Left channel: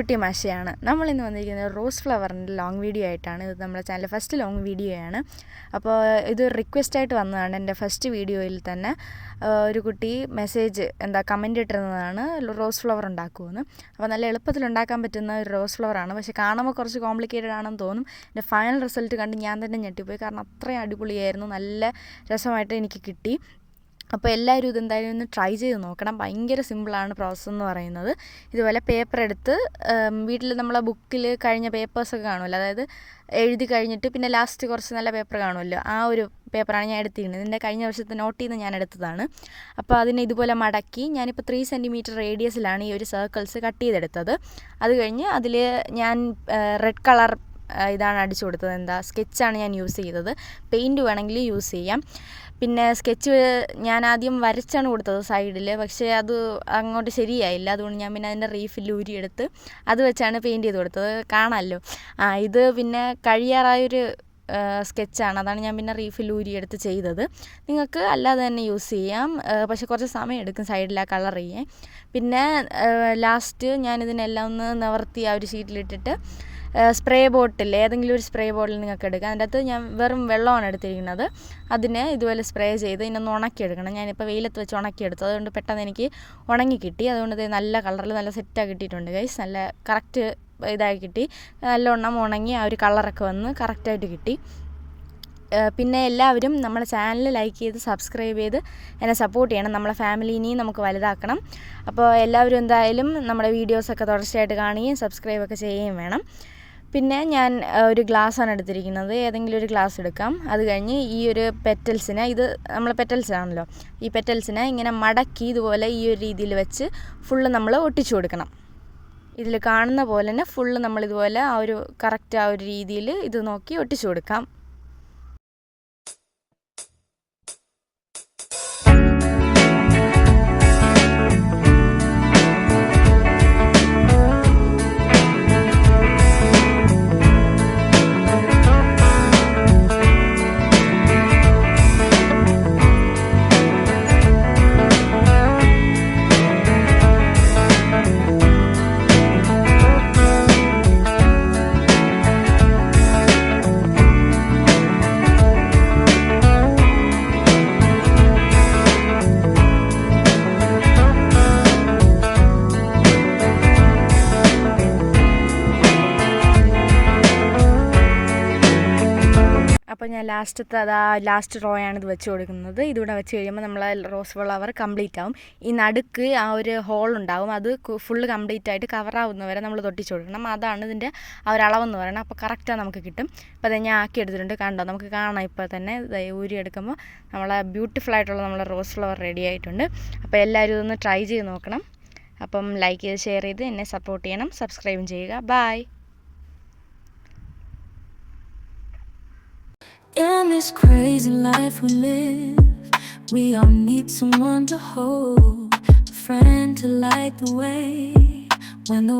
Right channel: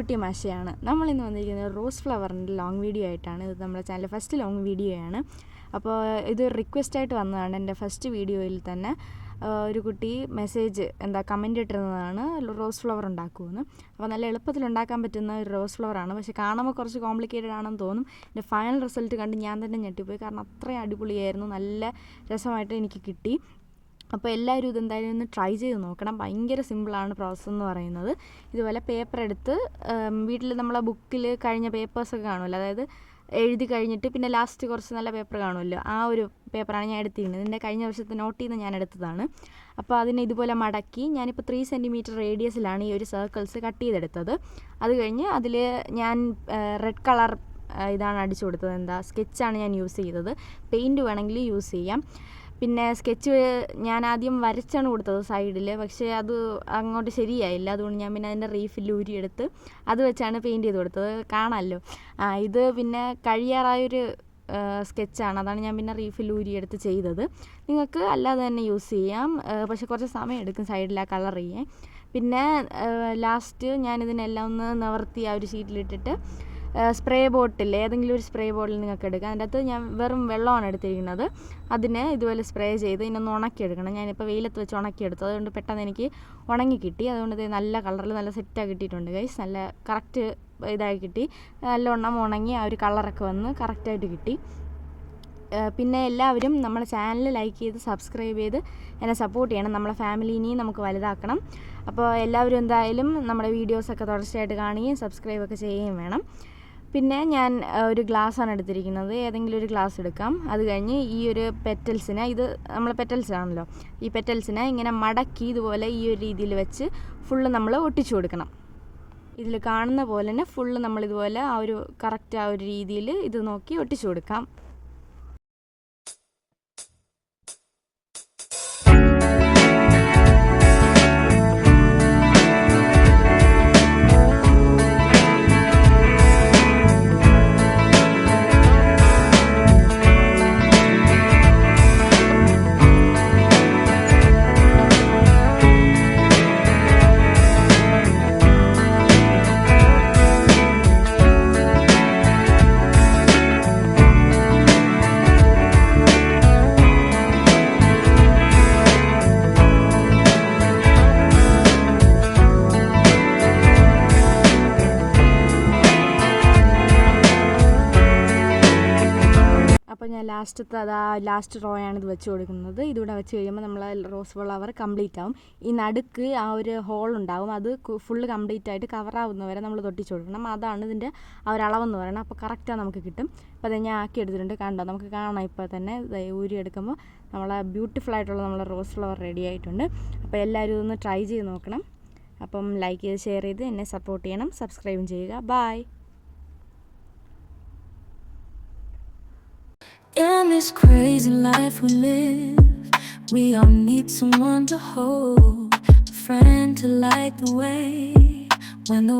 Beauty മാഷയാണ്. നമ്മളിന്ന് വന്നിരിക്കുന്നത് rose ഫ്ലവറിൻ്റെ ലോങ് വീഡിയോ ആയിട്ടാണ്. ഇത് നമ്മുടെ ചാനലിലെ ഫസ്റ്റ് ലോങ് വീഡിയോ ആണ്. അപ്പോൾ ഇത് റിക്വസ്റ്റായിട്ട് വന്നതാണ്. എൻ്റെ ഫസ്റ്റ് വീഡിയോയിൽ തന്നെ ഒരു കുട്ടി മെസ്സേജ് കമൻ്റ് ഇട്ടിരുന്നതാണ് റോസ് ഫ്ലവർ ഉണ്ടാക്കുമെന്ന്. അപ്പോൾ നല്ല എളുപ്പത്തിൽ ഉണ്ടാക്കാൻ പറ്റുന്ന ഒരു റോസ് ഫ്ലവറാണ്. പക്ഷേ കാണുമ്പോൾ കുറച്ച് കോംപ്ലിക്കേറ്റഡ് ആണെന്ന് തോന്നും. എൻ്റെ ഫൈനൽ റിസൾട്ട് കണ്ട് ഞാൻ തന്നെ ഞെട്ടിപ്പോയി. കാരണം അത്രയും അടിപൊളിയായിരുന്നു, നല്ല രസമായിട്ട് എനിക്ക് കിട്ടി. അപ്പോൾ എല്ലാവരും ഇതെന്തായാലും ഒന്ന് ട്രൈ ചെയ്ത് നോക്കണം. ഭയങ്കര സിമ്പിളാണ് പ്രോസസ്സ് എന്ന് പറയുന്നത്. ഇതുപോലെ പേപ്പർ എടുത്ത് വീട്ടിൽ നമ്മളെ ബുക്കിൽ കഴിഞ്ഞ പേപ്പേഴ്സൊക്കെ കാണുമല്ലോ, അതായത് എഴുതി കഴിഞ്ഞിട്ട് പിന്നെ ലാസ്റ്റ് കുറച്ച് നല്ല പേപ്പർ കാണുമല്ലോ, ആ ഒരു പേപ്പറാണ് ഞാൻ എടുത്തിരുന്നത്. ഇതിൻ്റെ കഴിഞ്ഞ വർഷത്തെ നോട്ടിൽ നിന്ന് ഞാൻ എടുത്തതാണ്. അപ്പോൾ അതിനെ ഇതുപോലെ മടക്കി ഞാനിപ്പോൾ 3 സെൻറ്റിമീറ്റർ റേഡിയസിലാണ് ഈ ഒരു സർക്കിൾസ് കട്ട് ചെയ്തെടുത്തത്. അത് കഴിഞ്ഞ് അതിൽ ഞാൻ റെഡ് കളർ ഇതാണ് അടിച്ചു കൊടുത്തത്. സ്കെച്ചാണ് ഞാൻ യൂസ് ചെയ്തത്. പെയിൻറ്റ് വേണമെങ്കിൽ യൂസ് ചെയ്യാം. പിന്നെ സ്കെച്ച് ഞാൻ ആദ്യം വരച്ചാണ് കൊടുത്തത് സൈഡിൽ, പക്ഷേ അത് അങ്ങോട്ട് ശരിയായില്ല. അതുകൊണ്ട് ഞാൻ പിന്നെ അതിൻ്റെ റീഫിൽ ഊരിയെടുത്ത് അത് വെച്ചാണ് പെയിൻറ്റ് ചെയ്ത് കൊടുത്തത്. കാണാമല്ലോ. ഇത് പിന്നെ കഴിയാറായൊരു സ്കെച്ചാണ്, അതാണ് ഞാൻ പിന്നെ റീഫിൽ ഊരിയെടുത്ത് ചെയ്തത്. നിങ്ങൾക്ക് അല്ലാതെ തന്നെ യൂസ് ചെയ്യാം, പക്ഷേ കുറച്ച് സമയം എടുക്കും സൈഡിൽ ആ കളർ ചെയ്യാൻ. പിന്നെ ലാസ്റ്റ് ഞാനിതിനെല്ലാം ഒന്ന് നിവർത്തി ആ ഒരു ഷീറ്റിലിട്ടിട്ട് സ്പ്രേ ബോട്ടിൽ, ഏതെങ്കിലും ഒരു സ്പ്രേ ബോട്ടിൽ നിങ്ങൾക്ക് എടുക്കാം. അതിൻ്റെ അകത്ത് ഞാൻ വെറും വെള്ളമാണ് എടുത്തിരിക്കുന്നത്. അതിനെ ഇതുപോലെ സ്പ്രേ ചെയ്ത് ഇതിനൊന്ന് ഉണക്കിയെടുക്കണം. ഞാനിപ്പോൾ വെയിലത്ത് വെച്ച് ഉണക്കിയെടുത്തു, അതുകൊണ്ട് പെട്ടെന്ന് എനിക്ക് ഉണങ്ങി കിട്ടി. അതുകൊണ്ട് ഇത് നല്ല കളറിൽ നല്ല സെറ്റായി കിട്ടിയിട്ടുണ്ട് ഗൈസ്. നല്ല കറക്റ്റ് ഇതായി കിട്ടി. നല്ലോണം ഉണങ്ങി ആ ഒരു കളറൊക്കെ വന്ന് കറക്റ്റായിട്ട് കിട്ടി. പിന്നെ എല്ലാവരും നമ്മുടെ ചാനൽ ലൈക്ക് ചെയ്ത് സബ്സ്ക്രൈബ് ചെയ്ത് എന്നെ സപ്പോർട്ട് ചെയ്യണം. നമ്മളെ ഫാമിലീനെയും നമുക്ക് വലുതാക്കണം. അപ്പോൾ എല്ലാവരും എന്തായാലും നമ്മുടെ വീഡിയോസൊക്കെ തുടർച്ചയായിട്ട് കാണുകയും സബ്സ്ക്രൈബൊക്കെ ചെയ്യുകയും വേണം. പിന്നെ ഞാൻ ഒരു ഗ്ലാസ്സാണ് എടുത്തിരിക്കുന്നത്. ഏതെങ്കിലും ഒരു ഗ്ലാസ് എടുക്കാം. അത് കഴിഞ്ഞ് ഈ ഒരു പെറ്റൽസിനെ, ഇത് നമ്മളെ പെറ്റൽസ് ആണല്ലോ, ഈ പെറ്റൽസിനെ ഇങ്ങനെ മടക്കി ഇതുപോലെ ഈ ഒരു രീതിയിൽ വെച്ച് ഫുള്ള് നമ്മൾ ഒട്ടിച്ചു കൊടുക്കണം. ഇതിൽ കാണുന്ന പോലെ തന്നെ ഫുള്ള് നമ്മളിതുപോലെ ആ ഒരു കറക്റ്റ് ആ ഒരു രീതിയിൽ ഇത് നോക്കി ഒട്ടിച്ചു കൊടുക്കാം. അപ്പോൾ ഞാൻ ലാസ്റ്റ് റോയാണ് ഇത് വെച്ച് കൊടുക്കുന്നത്. ഇതിവിടെ വെച്ച് കഴിയുമ്പോൾ നമ്മൾ റോസ് ഫ്ലവർ കംപ്ലീറ്റ് ആവും. ഈ നടുക്ക് ആ ഒരു ഹോൾ ഉണ്ടാവും, അത് ഫുള്ള് കംപ്ലീറ്റ് ആയിട്ട് കവറാവുന്നവരെ നമ്മൾ തൊട്ടിച്ച് കൊടുക്കണം. അതാണ് ഇതിൻ്റെ ആ ഒരു അളവെന്ന് പറയുന്നത്. അപ്പോൾ കറക്റ്റാണ് നമുക്ക് കിട്ടും. അപ്പോൾ അത് ഞാൻ ആക്കി എടുത്തിട്ടുണ്ട്, കണ്ടോ, നമുക്ക് കാണാം. ഇപ്പോൾ തന്നെ ഊരി എടുക്കുമ്പോൾ നമ്മളെ ബ്യൂട്ടിഫുൾ ആയിട്ടുള്ള നമ്മളെ റോസ് ഫ്ലവർ റെഡി ആയിട്ടുണ്ട്. അപ്പോൾ എല്ലാവരും ഇതൊന്ന് ട്രൈ ചെയ്ത് നോക്കണം. അപ്പം ലൈക്ക് ചെയ്ത് ഷെയർ ചെയ്ത് എന്നെ സപ്പോർട്ട് ചെയ്യണം, സബ്സ്ക്രൈബും ചെയ്യുക. By. In this crazy life we live, we all need someone to hold, a friend to light the way when the